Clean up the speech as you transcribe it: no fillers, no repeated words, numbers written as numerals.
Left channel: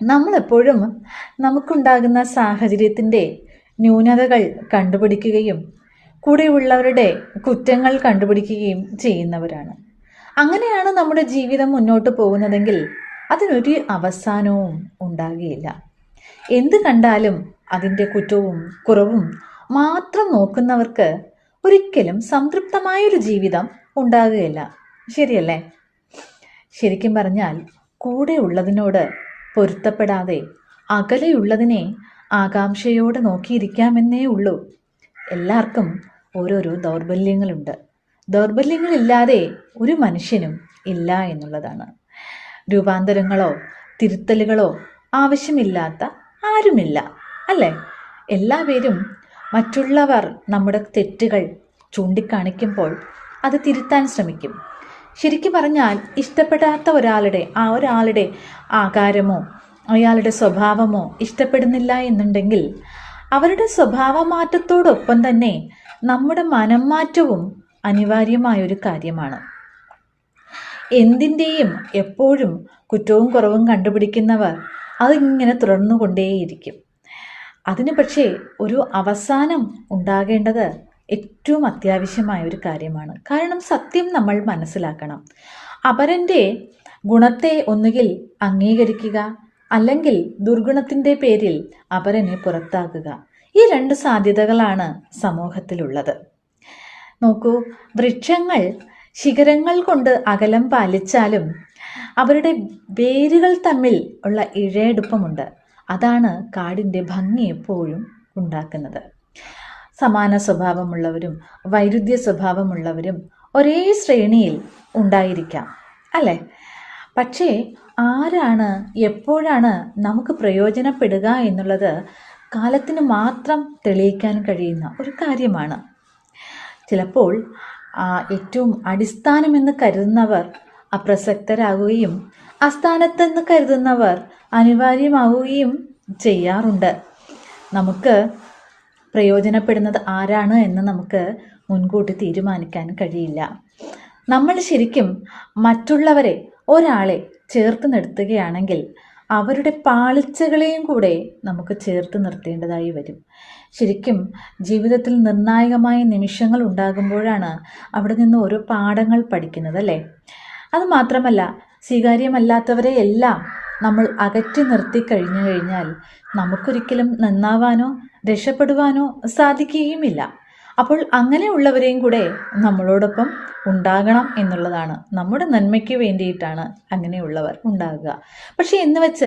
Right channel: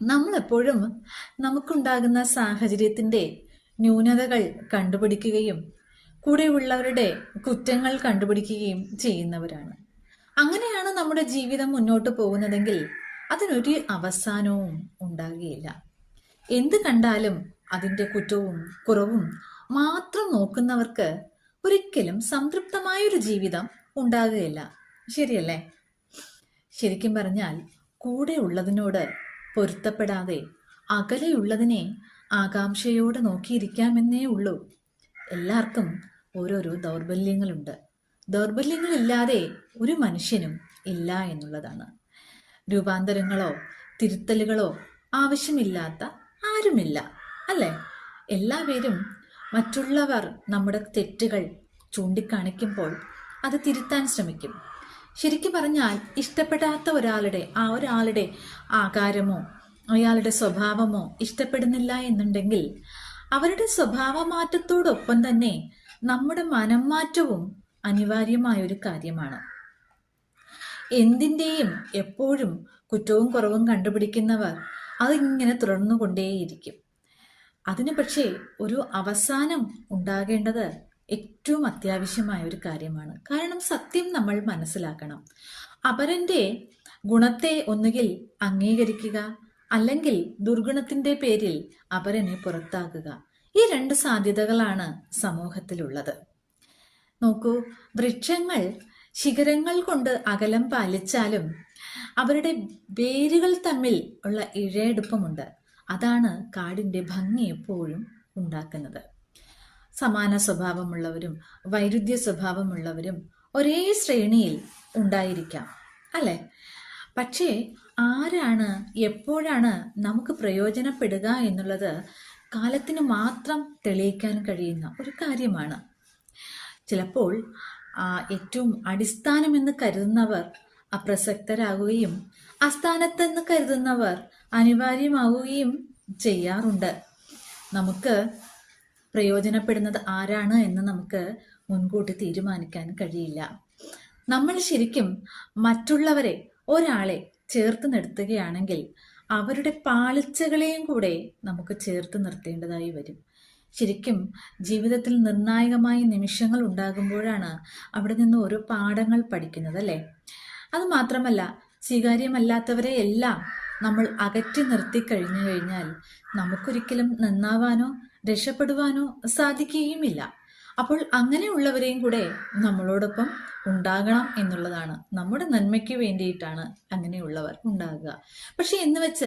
നമ്മളെപ്പോഴും നമുക്കുണ്ടാകുന്ന സാഹചര്യത്തിൻ്റെ ന്യൂനതകൾ കണ്ടുപിടിക്കുകയും കൂടെയുള്ളവരുടെ കുറ്റങ്ങൾ കണ്ടുപിടിക്കുകയും ചെയ്യുന്നവരാണ്. അങ്ങനെയാണ് നമ്മുടെ ജീവിതം മുന്നോട്ട് പോകുന്നതെങ്കിൽ അതിനൊരു അവസാനവും ഉണ്ടാകുകയില്ല. എന്ത് കണ്ടാലും അതിൻ്റെ കുറ്റവും കുറവും മാത്രം നോക്കുന്നവർക്ക് ഒരിക്കലും സംതൃപ്തമായൊരു ജീവിതം ഉണ്ടാകുകയില്ല. ശരിയല്ലേ? ശരിക്കും പറഞ്ഞാൽ കൂടെ ഉള്ളതിനോട് പൊരുത്തപ്പെടാതെ അകലെയുള്ളതിനെ ആകാംക്ഷയോടെ നോക്കിയിരിക്കാമെന്നേ ഉള്ളൂ. എല്ലാവർക്കും ഓരോരോ ദൗർബല്യങ്ങളുണ്ട്. ദൗർബല്യങ്ങളില്ലാതെ ഒരു മനുഷ്യനും ഇല്ല എന്നുള്ളതാണ്. രൂപാന്തരങ്ങളോ തിരുത്തലുകളോ ആവശ്യമില്ലാത്ത ആരുമില്ല, അല്ലേ? എല്ലാവരും മറ്റുള്ളവർ നമ്മുടെ തെറ്റുകൾ ചൂണ്ടിക്കാണിക്കുമ്പോൾ അത് തിരുത്താൻ ശ്രമിക്കും. ശരിക്കും പറഞ്ഞാൽ ഇഷ്ടപ്പെടാത്ത ഒരാളുടെ ആകാരമോ അയാളുടെ സ്വഭാവമോ ഇഷ്ടപ്പെടുന്നില്ല എന്നുണ്ടെങ്കിൽ അവരുടെ സ്വഭാവ മാറ്റത്തോടൊപ്പം തന്നെ നമ്മുടെ മനം മാറ്റവും അനിവാര്യമായൊരു കാര്യമാണ്. എന്തിൻ്റെയും എപ്പോഴും കുറ്റവും കുറവും കണ്ടുപിടിക്കുന്നവർ അതിങ്ങനെ തുടർന്നുകൊണ്ടേയിരിക്കും. അതിന് പക്ഷേ ഒരു അവസാനം ഉണ്ടാകേണ്ടത് ഏറ്റവും അത്യാവശ്യമായ ഒരു കാര്യമാണ്. കാരണം സത്യം നമ്മൾ മനസ്സിലാക്കണം. അപരൻ്റെ ഗുണത്തെ ഒന്നുകിൽ അംഗീകരിക്കുക, അല്ലെങ്കിൽ ദുർഗുണത്തിൻ്റെ പേരിൽ അപരനെ പുറത്താക്കുക. ഈ രണ്ട് സാധ്യതകളാണ് സമൂഹത്തിലുള്ളത്. നോക്കൂ, വൃക്ഷങ്ങൾ ശിഖരങ്ങൾ കൊണ്ട് അകലം പാലിച്ചാലും അവരുടെ വേരുകൾ തമ്മിൽ ഉള്ള ഇഴയെടുപ്പമുണ്ട്. അതാണ് കാടിൻ്റെ ഭംഗി എപ്പോഴും ഉണ്ടാക്കുന്നത്. സമാന സ്വഭാവമുള്ളവരും വൈരുദ്ധ്യ സ്വഭാവമുള്ളവരും ഒരേ ശ്രേണിയിൽ ഉണ്ടായിരിക്കാം, അല്ലേ? പക്ഷേ ആരാണ് എപ്പോഴാണ് നമുക്ക് പ്രയോജനപ്പെടുക എന്നുള്ളത് കാലത്തിന് മാത്രം തെളിയിക്കാൻ കഴിയുന്ന ഒരു കാര്യമാണ്. ചിലപ്പോൾ ഏറ്റവും അടിസ്ഥാനമെന്ന് കരുതുന്നവർ അപ്രസക്തരാകുകയും അസ്ഥാനത്തെന്ന് കരുതുന്നവർ അനിവാര്യമാവുകയും ചെയ്യാറുണ്ട്. നമുക്ക് പ്രയോജനപ്പെടുന്നത് ആരാണ് എന്ന് നമുക്ക് മുൻകൂട്ടി തീരുമാനിക്കാൻ കഴിയില്ല. നമ്മൾ ശരിക്കും മറ്റുള്ളവരെ ഒരാളെ ചേർത്ത് നിർത്തുകയാണെങ്കിൽ അവരുടെ പാളിച്ചകളെയും കൂടെ നമുക്ക് ചേർത്ത് നിർത്തേണ്ടതായി വരും. ശരിക്കും ജീവിതത്തിൽ നിർണായകമായ നിമിഷങ്ങൾ ഉണ്ടാകുമ്പോഴാണ് അവിടെ നിന്ന് ഓരോ പാഠങ്ങൾ പഠിക്കുന്നത്, അല്ലേ? അതുമാത്രമല്ല, സ്വീകാര്യമല്ലാത്തവരെ എല്ലാം നമ്മൾ അകറ്റി നിർത്തി കഴിഞ്ഞു കഴിഞ്ഞാൽ നമുക്കൊരിക്കലും നന്നാവാനോ രക്ഷപ്പെടുവാനോ സാധിക്കുകയുമില്ല. അപ്പോൾ അങ്ങനെയുള്ളവരെയും കൂടെ നമ്മളോടൊപ്പം ഉണ്ടാകണം എന്നുള്ളതാണ്. നമ്മുടെ നന്മയ്ക്ക് വേണ്ടിയിട്ടാണ് അങ്ങനെയുള്ളവർ ഉണ്ടാകുക. പക്ഷെ എന്ന് വെച്ച്